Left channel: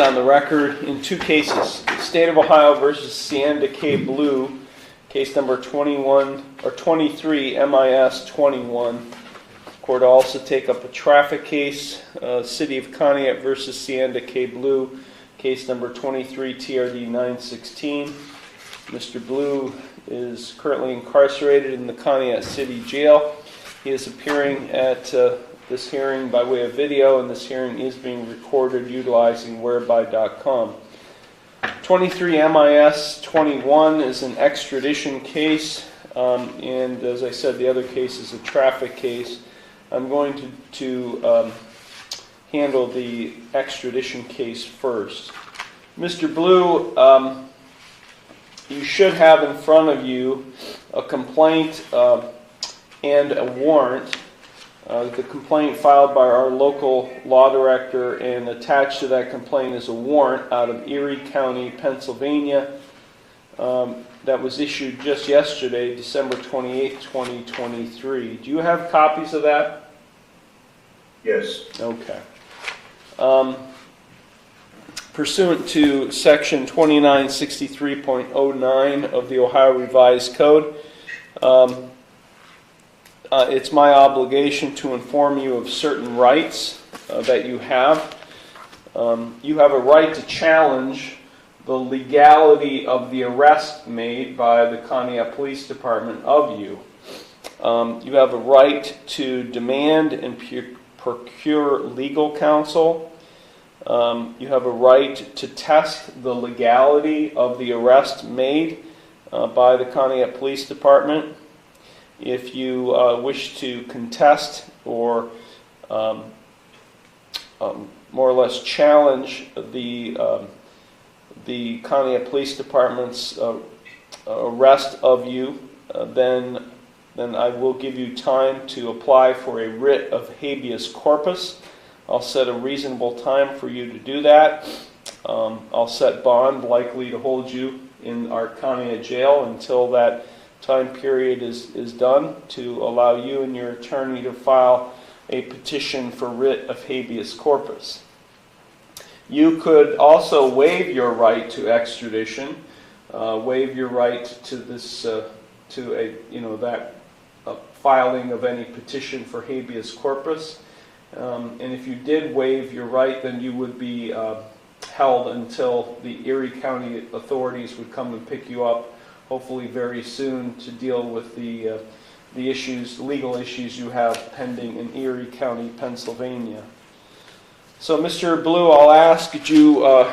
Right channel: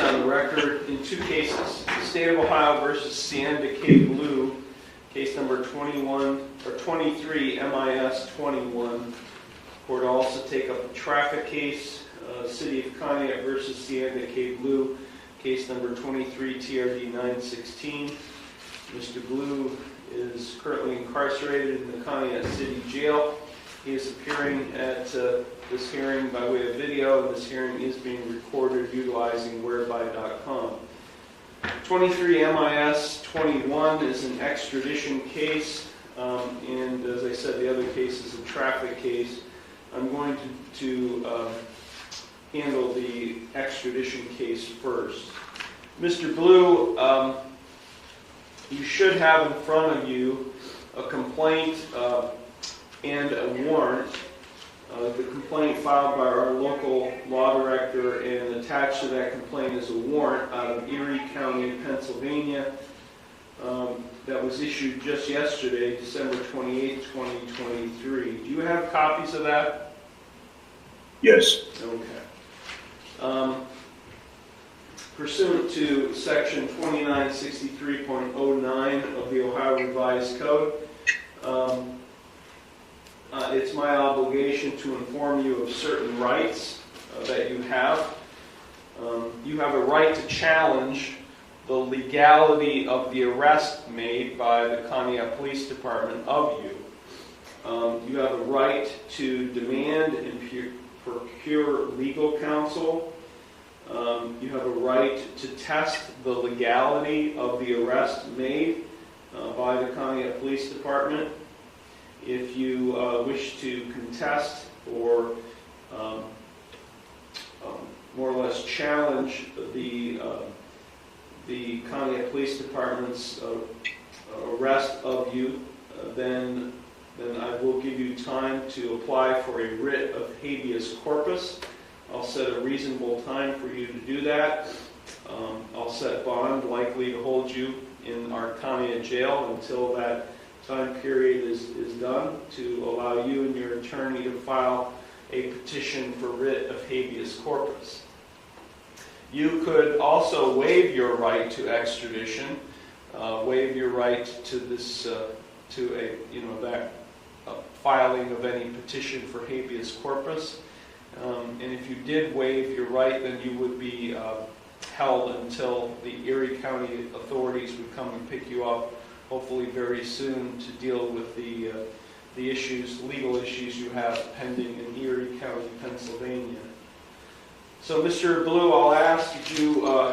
on the record in two cases. State of Ohio versus Sienda K. Blue, case number 23 MIS 21. Court will also take up a traffic case, City of Conneaut versus Sienda K. Blue, case number 23 TRD 916. Mr. Blue is currently incarcerated in the Conneaut City Jail. He is appearing at this hearing by way of video, and this hearing is being recorded utilizing whereby.com. 23 MIS 21 is an extradition case, and as I said, the other case is a traffic case. I'm going to handle the extradition case first. Mr. Blue, you should have in front of you a complaint and a warrant. The complaint filed by our local law director, and attached to that complaint is a warrant out of Erie County, Pennsylvania, that was issued just yesterday, December 28, 2023. Do you have copies of that? Yes. Okay. Pursuant to Section 2963.09 of the Ohio Revised Code, it's my obligation to inform you of certain rights that you have. You have a right to challenge the legality of the arrest made by the Conneaut Police Department of you. You have a right to demand and procure legal counsel. You have a right to test the legality of the arrest made by the Conneaut Police Department. If you wish to contest or more or less challenge the Conneaut Police Department's arrest of you, then I will give you time to apply for a writ of habeas corpus. I'll set a reasonable time for you to do that. I'll set bond likely to hold you in our Conneaut jail until that time period is done, to allow you and your attorney to file a petition for writ of habeas corpus. You could also waive your right to extradition, waive your right to this filing of any petition for habeas corpus. And if you did waive your right, then you would be held until the Erie County authorities would come and pick you up, hopefully very soon, to deal with the legal issues you have pending in Erie County, Pennsylvania. So, Mr. Blue, I'll ask, do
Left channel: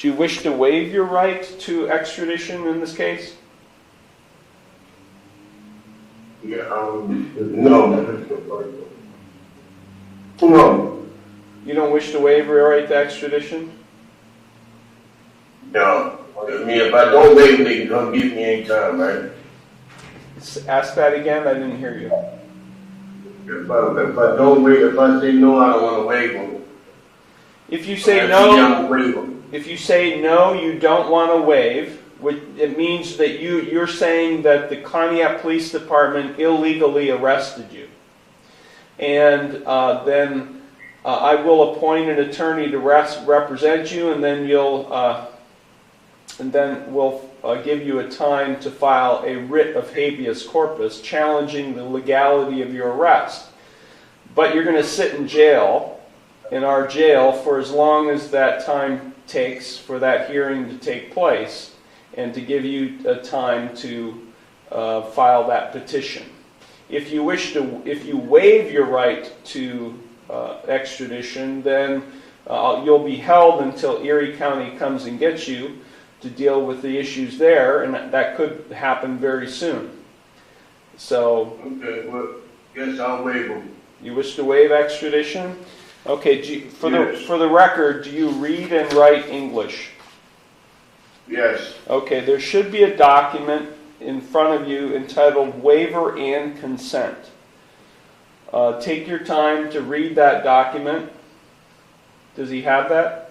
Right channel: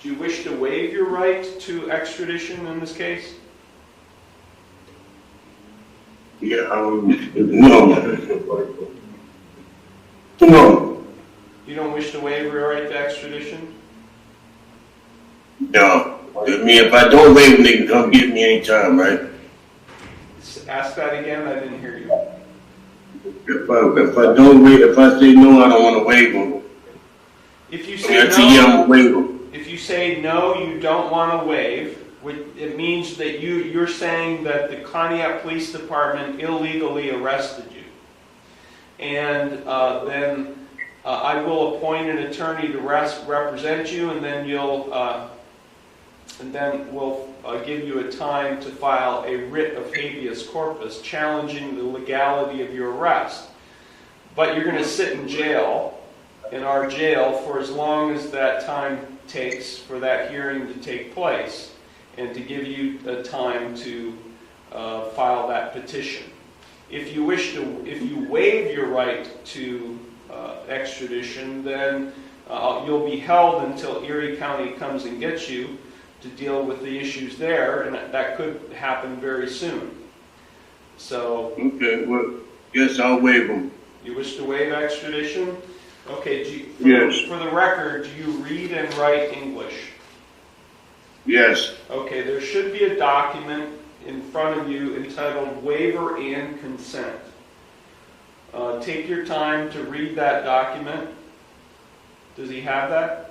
you wish to waive your right to extradition in this case? Yeah, no. No. You don't wish to waive your right to extradition? No. I mean, if I don't waive, they can come get me anytime, right? Ask that again. I didn't hear you. If I don't waive, if I say no, I don't want to waive them. If you say no, you don't want to waive. It means that you're saying that the Conneaut Police Department illegally arrested you, and then I will appoint an attorney to represent you, and then we'll give you a time to file a writ of habeas corpus challenging the legality of your arrest. But you're going to sit in jail, in our jail, for as long as that time takes for that hearing to take place, and to give you a time to file that petition. If you waive your right to extradition, then you'll be held until Erie County comes and gets you to deal with the issues there, and that could happen very soon. So, okay, well, yes, I'll waive them. You wish to waive extradition? Okay, yes. For the record, do you read and write English? Yes. Okay, there should be a document in front of you entitled Waiver and Consent. Take your time to read that document. Does he have that?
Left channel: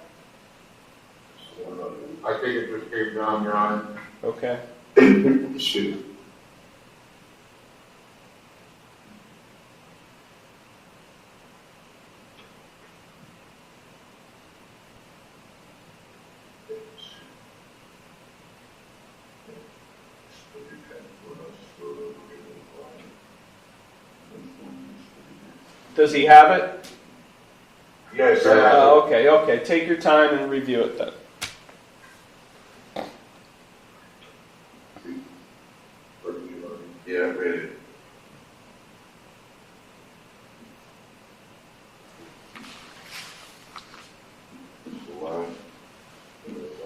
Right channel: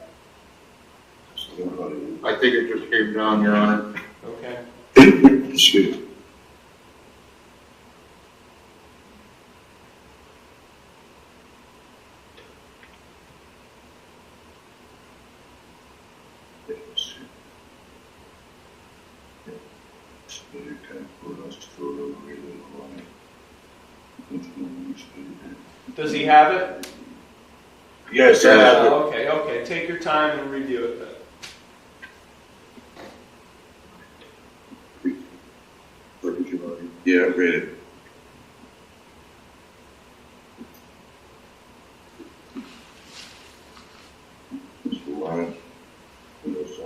I think it just came down, Your Honor. Okay. Excuse me. Does he have it? Yes, I have it. Okay. Take your time and review it then. Yeah, I read it.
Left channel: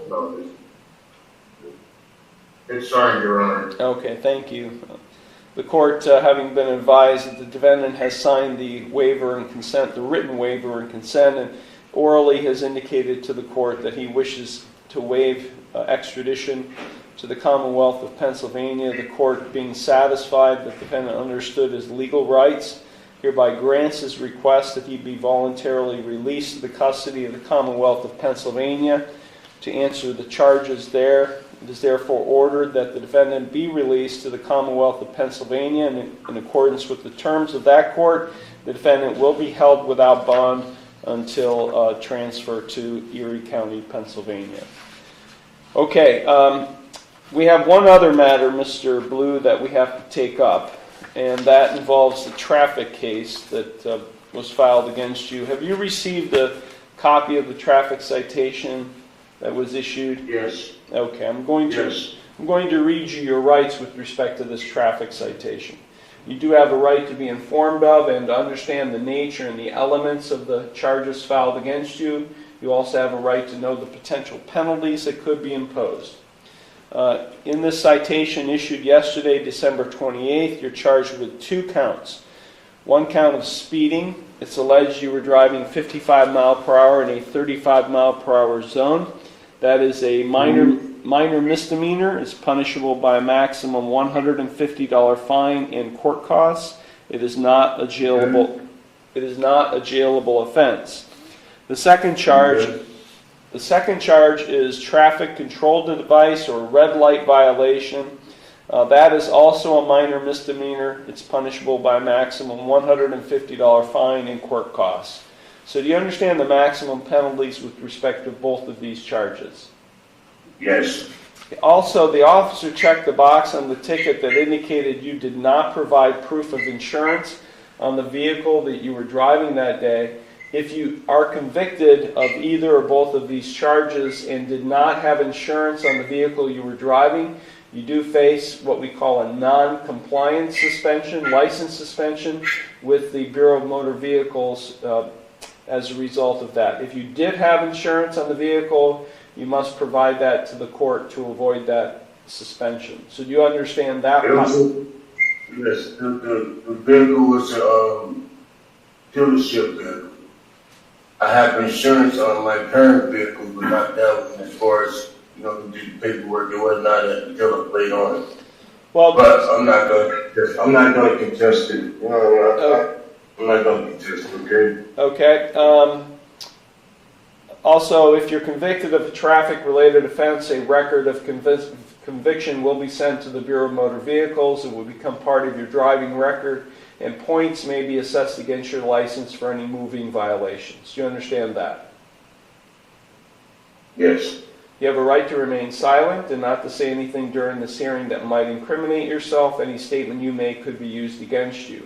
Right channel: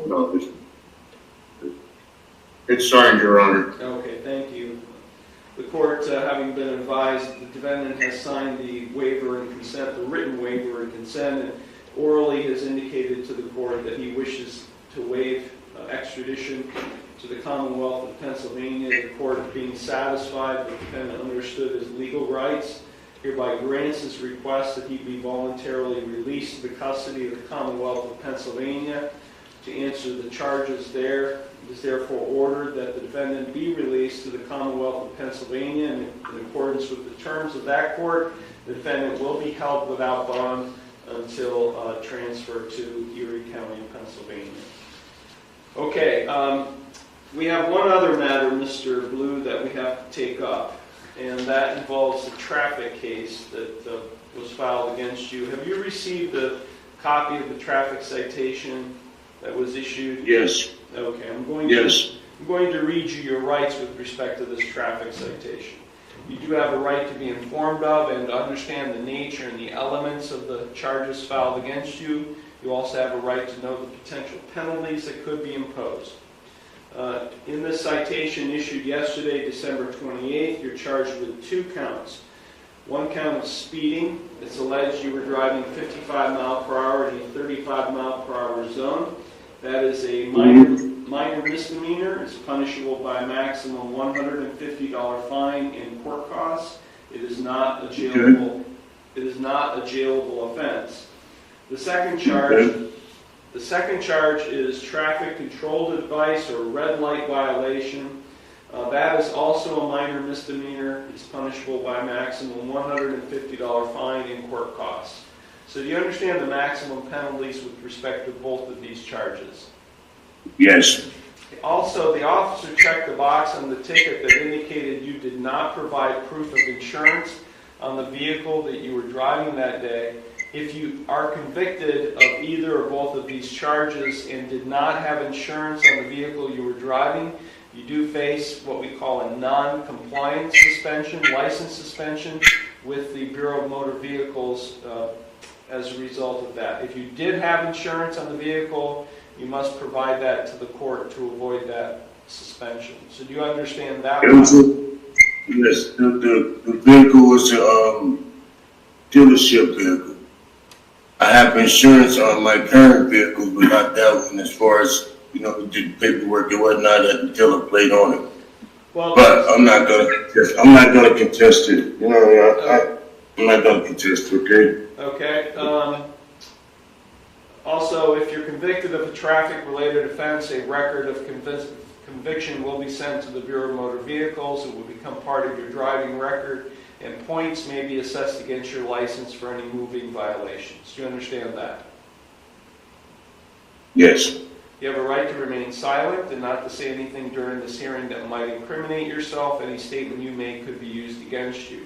No, it's signed, Your Honor. Okay, thank you. The court, having been advised that the defendant has signed the waiver and consent, the written waiver and consent, and orally has indicated to the court that he wishes to waive extradition to the Commonwealth of Pennsylvania, the court, being satisfied that the defendant understood his legal rights, hereby grants his request that he be voluntarily released to the custody of the Commonwealth of Pennsylvania to answer the charges there. It is therefore ordered that the defendant be released to the Commonwealth of Pennsylvania, and in accordance with the terms of that court, the defendant will be held without bond until transfer to Erie County, Pennsylvania. Okay, we have one other matter, Mr. Blue, that we have to take up, and that involves the traffic case that was filed against you. Have you received a copy of the traffic citation that was issued? Yes. Okay, I'm going to read you your rights with respect to this traffic citation. You do have a right to be informed of and to understand the nature and the elements of the charges filed against you. You also have a right to know the potential penalties that could be imposed. In this citation issued yesterday, December 28th, you're charged with 2 counts. 1 count of speeding. It's alleged you were driving 55 mile per hour in a 35 mile per hour zone. That is a minor misdemeanor. It's punishable by a maximum $150 fine and court costs. It is not a jailable offense. The second charge is traffic control device or a red light violation. That is also a minor misdemeanor. It's punishable by a maximum $150 fine and court costs. So do you understand the maximum penalties with respect to both of these charges? Yes. Also, the officer checked the box on the ticket that indicated you did not provide proof of insurance on the vehicle that you were driving that day. If you are convicted of either or both of these charges and did not have insurance on the vehicle you were driving, you do face what we call a non-compliance suspension, license suspension with the Bureau of Motor Vehicles as a result of that. If you did have insurance on the vehicle, you must provide that to the court to avoid that suspension. So do you understand that? Yes, the vehicle was a dealership vehicle. I have insurance on my current vehicle, but not that one. As far as, the paperwork, it was not a dealer plate on it. Well, but I'm not gonna contest it. I'm not gonna contest it. Okay. Okay. Also, if you're convicted of a traffic-related offense, a record of conviction will be sent to the Bureau of Motor Vehicles. It will become part of your driving record, and points may be assessed against your license for any moving violations. Do you understand that? Yes. You have a right to remain silent and not to say anything during this hearing that might incriminate yourself. Any statement you make could be used against you.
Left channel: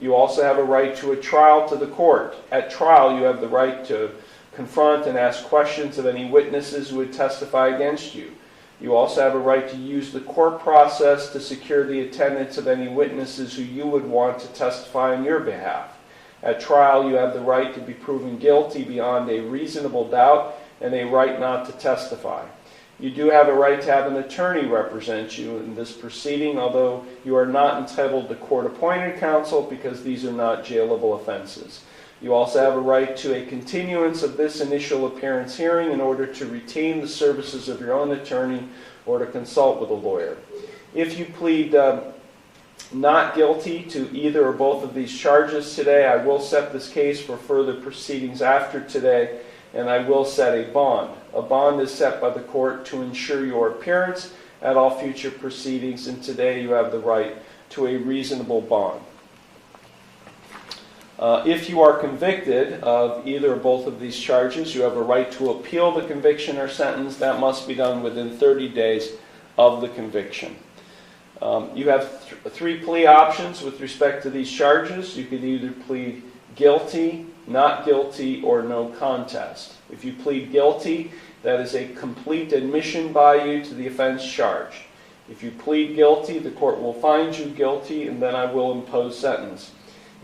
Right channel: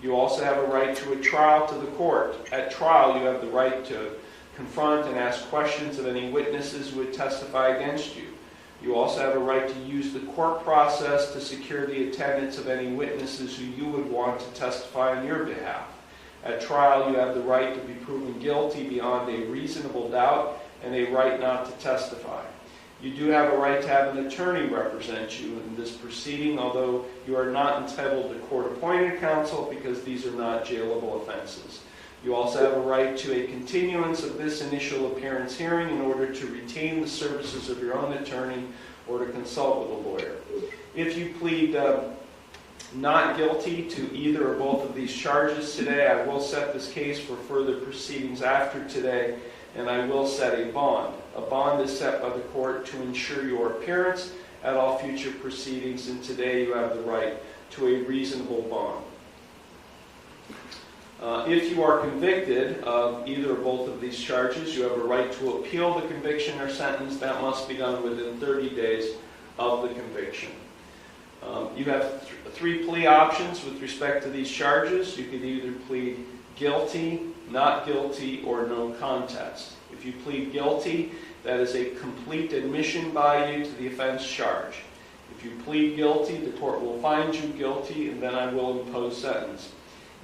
You also have a right to a trial to the court. At trial, you have the right to confront and ask questions of any witnesses who would testify against you. You also have a right to use the court process to secure the attendance of any witnesses who you would want to testify on your behalf. At trial, you have the right to be proven guilty beyond a reasonable doubt and a right not to testify. You do have a right to have an attorney represent you in this proceeding, although you are not entitled to court-appointed counsel because these are not jailable offenses. You also have a right to a continuance of this initial appearance hearing in order to retain the services of your own attorney or to consult with a lawyer. If you plead not guilty to either or both of these charges today, I will set this case for further proceedings after today, and I will set a bond. A bond is set by the court to ensure your appearance at all future proceedings, and today you have the right to a reasonable bond. If you are convicted of either or both of these charges, you have a right to appeal the conviction or sentence. That must be done within 30 days of the conviction. You have 3 plea options with respect to these charges. You can either plead guilty, not guilty, or no contest. If you plead guilty, that is a complete admission by you to the offense charge. If you plead guilty, the court will find you guilty, and then I will impose sentence.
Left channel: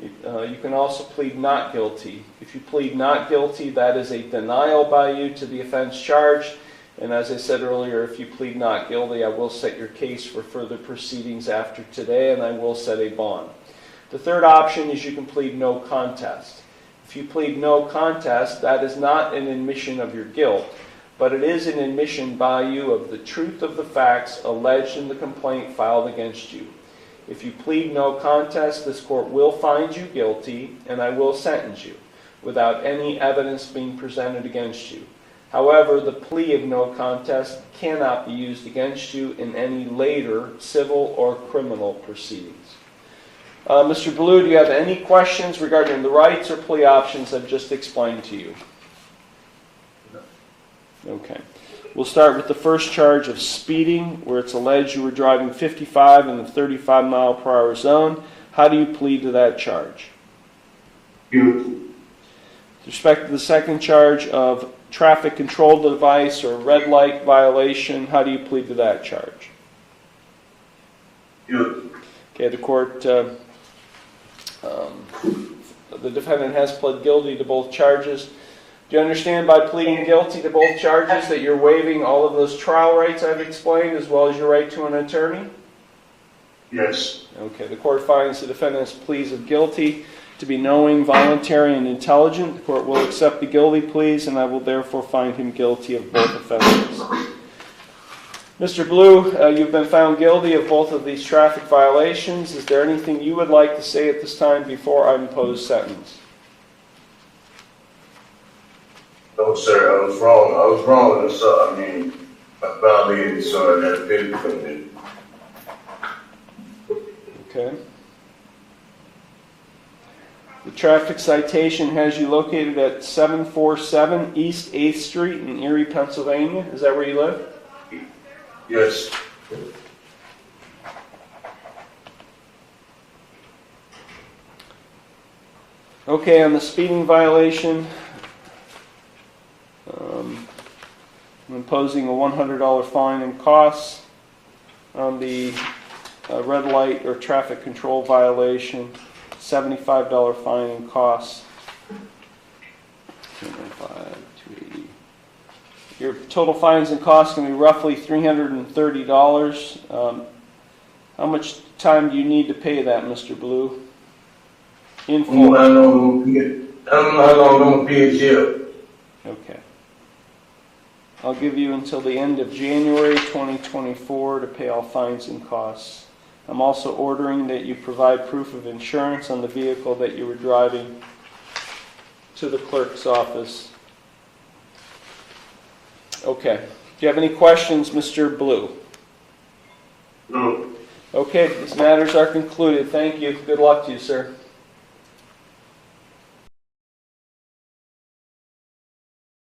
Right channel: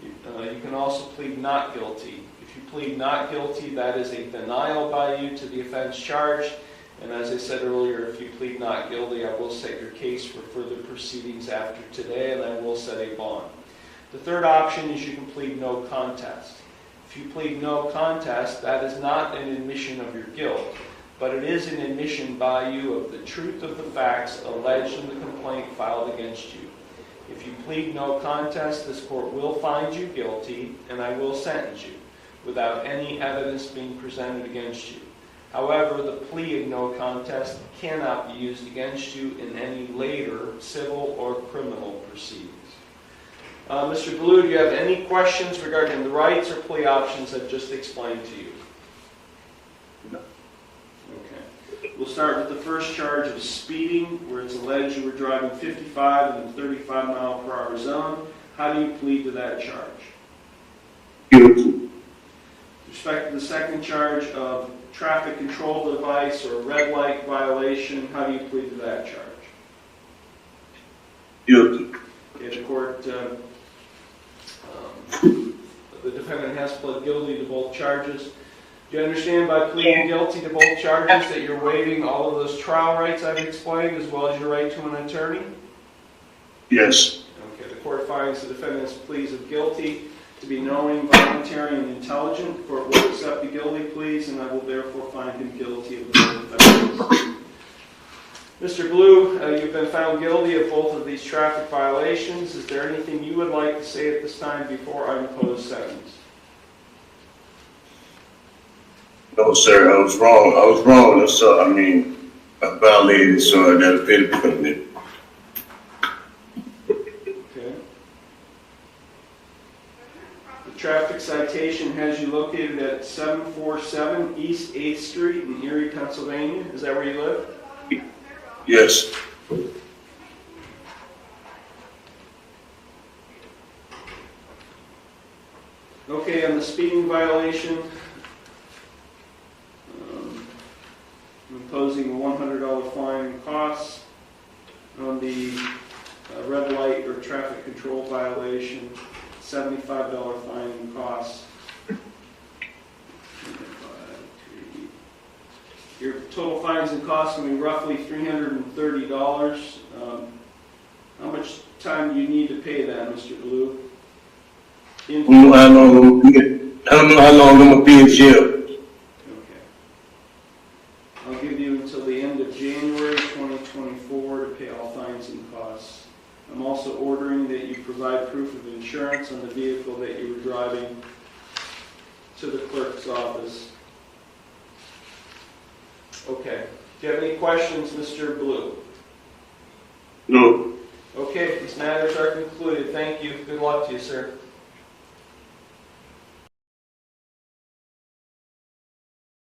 You can also plead not guilty. If you plead not guilty, that is a denial by you to the offense charge. And as I said earlier, if you plead not guilty, I will set your case for further proceedings after today, and I will set a bond. The third option is you can plead no contest. If you plead no contest, that is not an admission of your guilt, but it is an admission by you of the truth of the facts alleged in the complaint filed against you. If you plead no contest, this court will find you guilty, and I will sentence you without any evidence being presented against you. However, the plea of no contest cannot be used against you in any later civil or criminal proceedings. Mr. Blue, do you have any questions regarding the rights or plea options I've just explained to you? No. Okay. We'll start with the first charge of speeding, where it's alleged you were driving 55 in the 35 mile per hour zone. How do you plead to that charge? Guilty. With respect to the second charge of traffic control device or red light violation, how do you plead to that charge? Guilty. Okay, the court, the defendant has pled guilty to both charges. Do you understand by pleading guilty to both charges that you're waiving all of those trial rights I've explained, as well as your right to an attorney? Yes. Okay, the court finds the defendant's pleas of guilty to be knowing, voluntary, and intelligent. The court will accept the guilty pleas, and I will therefore find him guilty of both offenses. Mr. Blue, you've been found guilty of both of these traffic violations. Is there anything you would like to say at this time before I impose sentence? No, sir, I was wrong. I violated, so I got a bit of commitment. Okay. The traffic citation has you located at 747 East 8th Street in Erie, Pennsylvania. Is that where you live? Yes. Okay, on the speeding violation, I'm imposing a $100 fine and costs. On the red light or traffic control violation, $75 fine and costs. Your total fines and costs can be roughly $330. How much time do you need to pay that, Mr. Blue? I don't know how long I'm going to be in jail. Okay. I'll give you until the end of January 2024 to pay all fines and costs. I'm also ordering that you provide proof of insurance on the vehicle that you were driving to the clerk's office. Okay. Do you have any questions, Mr. Blue? No. Okay, these matters are concluded. Thank you. Good luck to you, sir.